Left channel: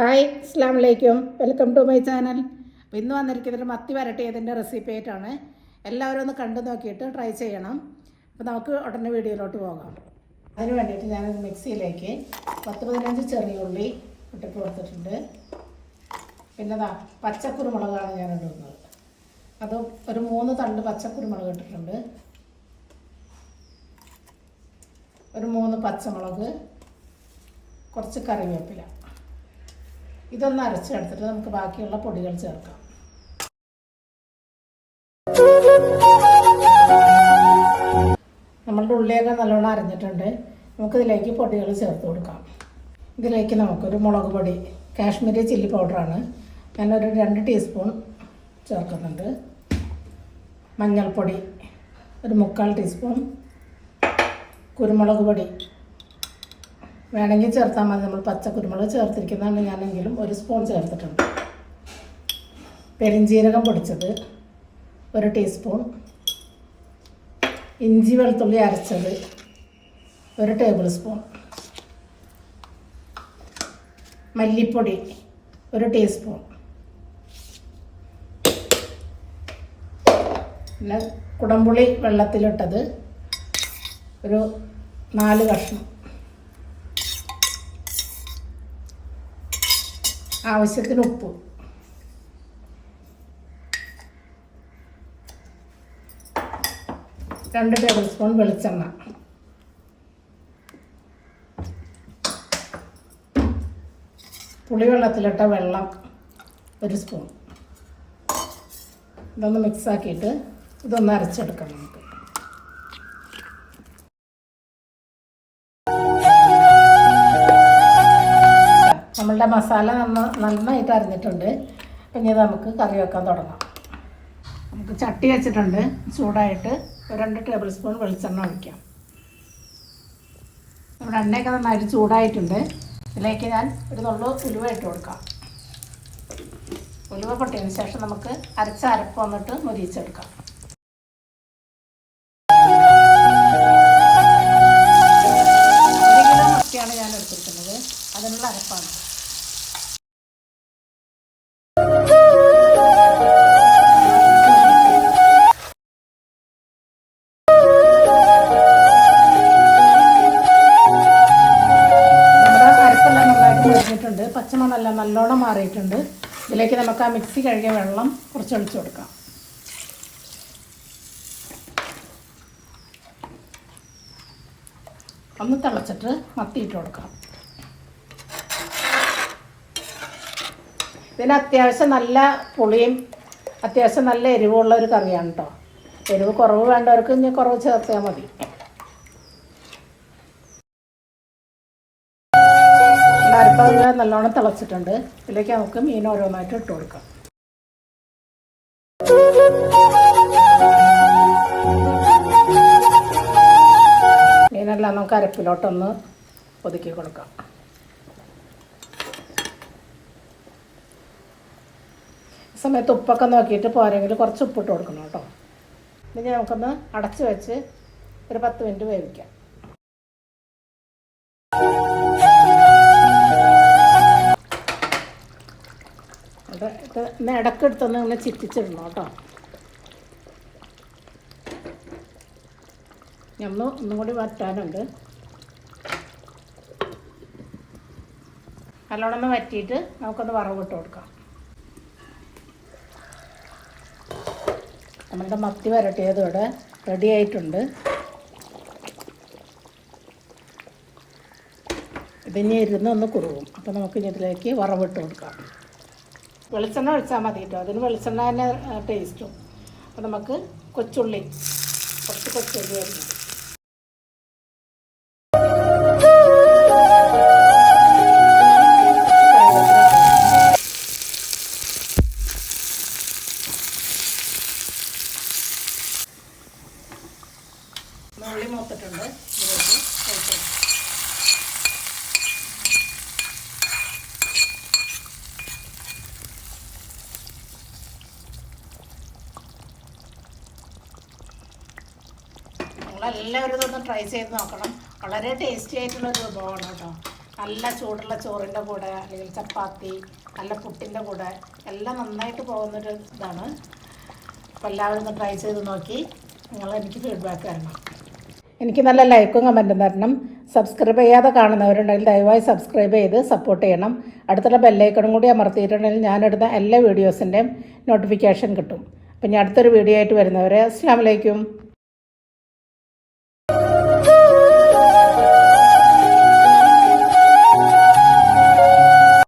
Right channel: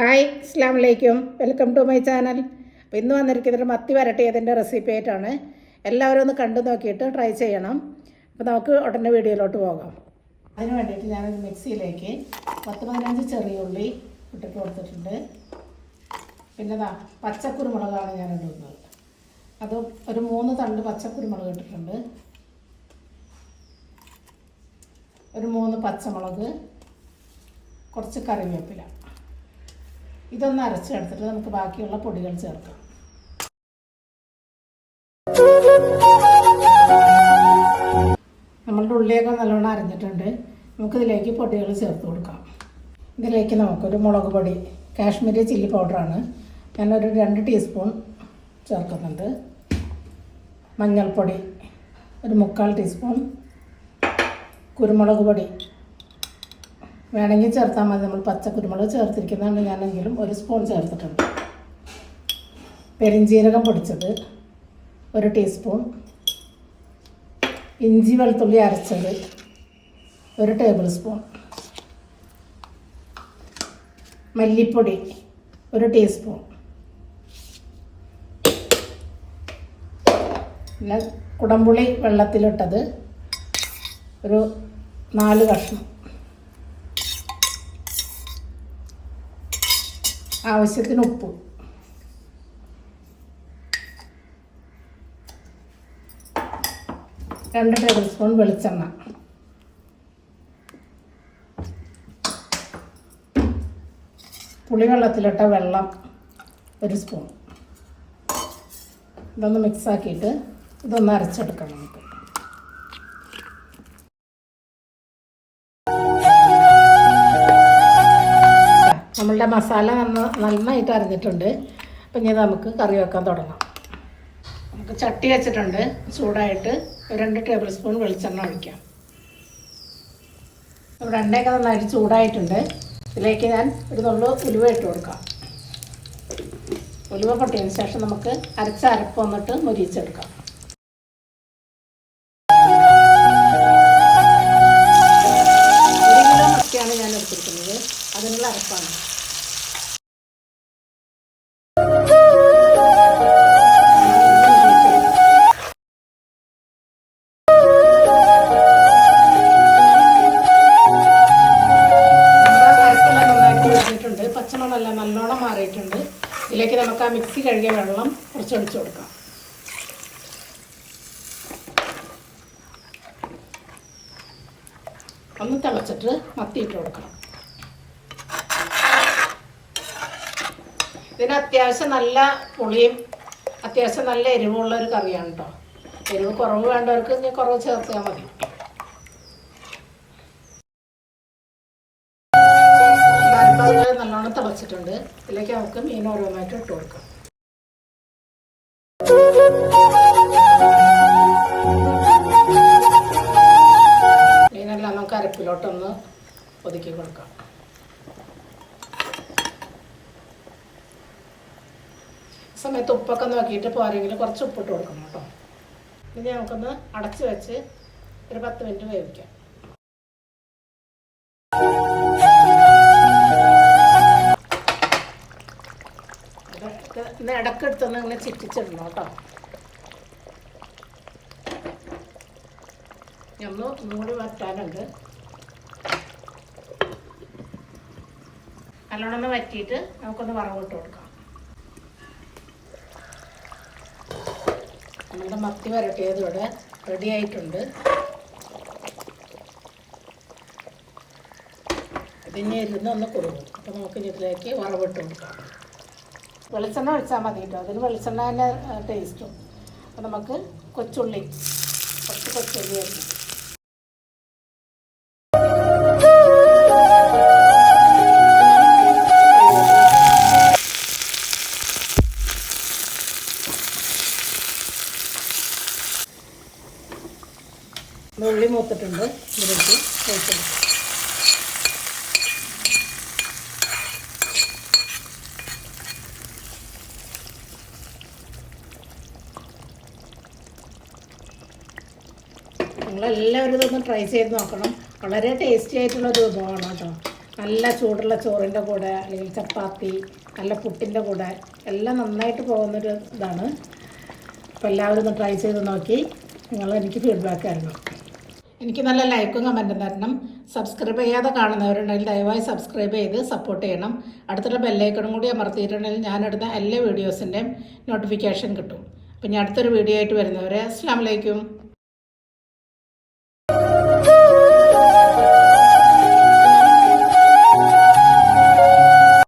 Hi അസ്സാം വലൈക്കും welcome to my channel. അപ്പോൾ ഇന്ന് വന്നിരിക്കുന്നത് മത്തി വരട്ടിയതിന്റെ റെസിപ്പി ആയിട്ടാണ്. എല്ലാവരും ഒന്ന് കണ്ടു നോക്കിയിട്ട് ട്രൈ ചെയ്യണം. അപ്പോൾ നമുക്ക് ഉടനെ വീഡിയോയിലോട്ട് പോകാം. അതിന് വേണ്ടിയിട്ട് ഞാൻ മിക്സിയിലേക്ക് പത്ത് പതിനഞ്ച് ചെറിയ ഉള്ളി ഇട്ടിട്ട് കൊടുത്തിട്ടുണ്ട്. പിന്നെ ദാ പച്ചക്കുരുമുളകാണ് ഞാൻ ഇടുന്നത്. അത് ഒരു മൂന്ന് തണ്ട് പച്ചക്കുരുമുളക് ഇട്ടിട്ടുണ്ട്. ഒരു മൂന്ന് പച്ചമുളക് കുറച്ച് കറിവേപ്പില. ഇതൊന്ന് അരച്ചെടുത്തിട്ട് നമുക്ക് ബാക്കിയുള്ള പൊടികൾ ചേർക്കാം. നമ്മളുടെ ഉള്ളിയൊക്കെ നല്ലോണം അരഞ്ഞിട്ടുണ്ട്. നമുക്കിതിലേക്ക് പൊടികൾ ചേർത്ത് കൊടുക്കാം. ഇതിലേക്ക് നമുക്കൊരു മുളക് പൊടി കാശ്മീരി ചില്ലി പൗഡറാണ്. ഞാനൊരു രണ്ട് ടീസ്പൂൺ ചേർക്കുന്നുണ്ട്. മഞ്ഞൾപ്പൊടി ഒരു മുക്കാൽ ടീസ്പൂൺ കുരുമുളക് പൊടി വേണമെങ്കിൽ ചേർത്താൽ മതി. നമ്മൾ പച്ച കുരുമുളക് ചേർത്തിരിക്കുന്നതാണ്. ഞാനെങ്കിലും ഒരു സ്പൂൺ ചേർത്തിട്ടുണ്ട്. പെരിഞ്ജീരകം പൊടിച്ചത് ഒരു ടീസ്പൂൺ. ഇഞ്ചി വെളുത്തുള്ളി അരച്ചത് ഒരു ടേബിൾ സ്പൂൺ. മല്ലിപ്പൊടി ഒരു ടീസ്പൂൺ. പിന്നെ കുടംപുളി വെള്ളത്തിലിട്ടത് ഒരു നാല് കഷ്ണം. ആവശ്യത്തിന് ഉപ്പ്. രണ്ട് ടേബിൾ സ്പൂൺ വെളിച്ചെണ്ണ. പുളിവെള്ളത്തിലിട്ട വെള്ളം ഒരു സ്പൂൺ ഇതൊന്ന് മിക്സാക്കിയിട്ട് ഇതൊന്ന് അരച്ചെടുക്കണം നമുക്ക്. നമ്മളുടെ മസാല നന്ന നന്നായിട്ട് അറിഞ്ഞിട്ടുണ്ട് ഇനി നമുക്ക് കറി വെക്കാൻ തുടങ്ങാം. നമുക്ക് ചട്ടി വെച്ചിട്ടുണ്ട്. ചൂടായിട്ട് ഒരു രണ്ട് ടേബിൾ സ്പൂൺ വെളിച്ചെണ്ണ ഒഴിക്കാം. ഇവിടെ എണ്ണയൊക്കെ നന്നായിട്ട് ചൂടായിട്ടുണ്ട്. ഇതിലേക്ക് ഞാൻ ഒരു നുള്ളു ഉലുവ ഇട്ട് കൊടുക്കാം. ഉലുവ പൊട്ടിയതിന് ശേഷം നമുക്ക് അരച്ച അരപ്പ് വന്നിട്ട് മുരിച്ചെടുക്കാം പച്ചമുളകെല്ലാം നല്ലോണം മാറിയിട്ടുണ്ട്. ഇതിലേക്ക് നമുക്ക് ആ മിക്സി കഴുകിയ വെള്ളം കുറച്ചൊഴിച്ചു കൊടുക്കാം. ഒന്ന് തിളച്ചിട്ട് മത്തിയിട്ട് കൊടുക്കാം. ഇതിന് അത്യാവശ്യം നല്ല പുളിയും അത്യാവശ്യം നല്ല എരിവുള്ള ഒരു കറിയാണ് കേട്ടോ എരിവ് കുറവ് വേണ്ടവർക്ക് കുറവ് ചേർത്താൽ മതി. നല്ലോണം തിളച്ചിട്ടുണ്ട്. ഇതിലേക്ക് നമുക്ക് മീൻ ഓരോന്നായിട്ട് ഇട്ട് കൊടുക്കാം. മീനെല്ലാം നമുക്ക് അരപ്പിലോട്ടൊന്ന് ഒതുക്കി കൊടുക്കാം. സമയത്ത് ഉപ്പൊക്കെ നോക്കിയിട്ട് പോരെങ്കിൽ കുറച്ച് ഉപ്പിട്ട് കൊടുക്കണം കേട്ടോ. ഇനി നമുക്കൊന്ന് അടച്ചു വെച്ച് ഒരു പത്ത് മിനിറ്റ് വേവിക്കാം. അതൊക്കെ ഒന്ന് ഇടക്കെടുത്തൊന്ന് ഒന്ന് ചിറ്റിച്ചിടണം കേട്ടോ. ഒന്ന് ഒന്നുകൂടി വറ്റാനുണ്ട്. നല്ലോണം വറ്റിയിട്ട് നമുക്കൊന്ന് വറവിട്ട് കൊടുക്കാം. നമ്മുടെ മത്തി വരട്ടിയതോടെ റെഡി ആയിട്ടുണ്ട്. ഇതിനി ഇരുന്ന് ഒന്ന് കുറുകും അപ്പോൾ നമുക്ക് ഇതിലേക്ക് വറവിട്ട് കൊടുക്കാം. വെളിച്ചെണ്ണ ഒഴിച്ചാൽ മതി കേട്ടോ അതിന് വെളിച്ചെണ്ണ തന്നെ ടേസ്റ്റും അപ്പം നമുക്ക് കൊച്ചുള്ളി കുറച്ച് കൊച്ചുള്ളി ആയിരുന്നു ഉള്ളി മൂത്തിട്ടുണ്ട്. ഇതിലേക്ക് ഒഴിച്ചു നിങ്ങളെല്ലാവരും ഇതൊന്ന് ട്രൈ ചെയ്ത് നോക്കണം. വളരെ ടേസ്റ്റി ആയിട്ടുള്ള ഒരു വിഭവമാണ് കേട്ടോ. നല്ല ചൂടുള്ള ചോറിന്റെ കൂടെ അല്ലെങ്കിൽ ചപ്പാത്തി നല്ല പുട്ടിന്റെ കൂടെ എല്ലാം നന്നായിട്ട് പോകുന്നൊരു ഇതാണ്. അപ്പോൾ എല്ലാവരും ഒന്ന് ട്രൈ ചെയ്ത് നോക്കി. നിങ്ങൾ എനിക്ക് ഫീഡ്ബാക്ക് തരണം. എനിക്ക് നല്ല ലൈക്കും കമന്റും തരണം. സബ്സ്ക്രൈബ് ചെയ്യാതെ കാണുന്നവരുണ്ടെങ്കിൽ ദയവായി സബ്സ്ക്രൈബ് ചെയ്ത് സപ്പോർട്ട് ചെയ്യണം. അടുത്തുള്ള ബെല്ലൈക്കണും കൂടി അമർത്തിയിട്ടുണ്ടെങ്കിൽ ഞാനെടുത്ത എല്ലാ വീഡിയോസിന്റെയും നോട്ടിഫിക്കേഷൻ കിട്ടും. അപ്പം ഞാൻ അടുത്തൊരു വീഡിയോ ആയിട്ട് വരുന്നവരെ അസ്സാം വലൈക്കും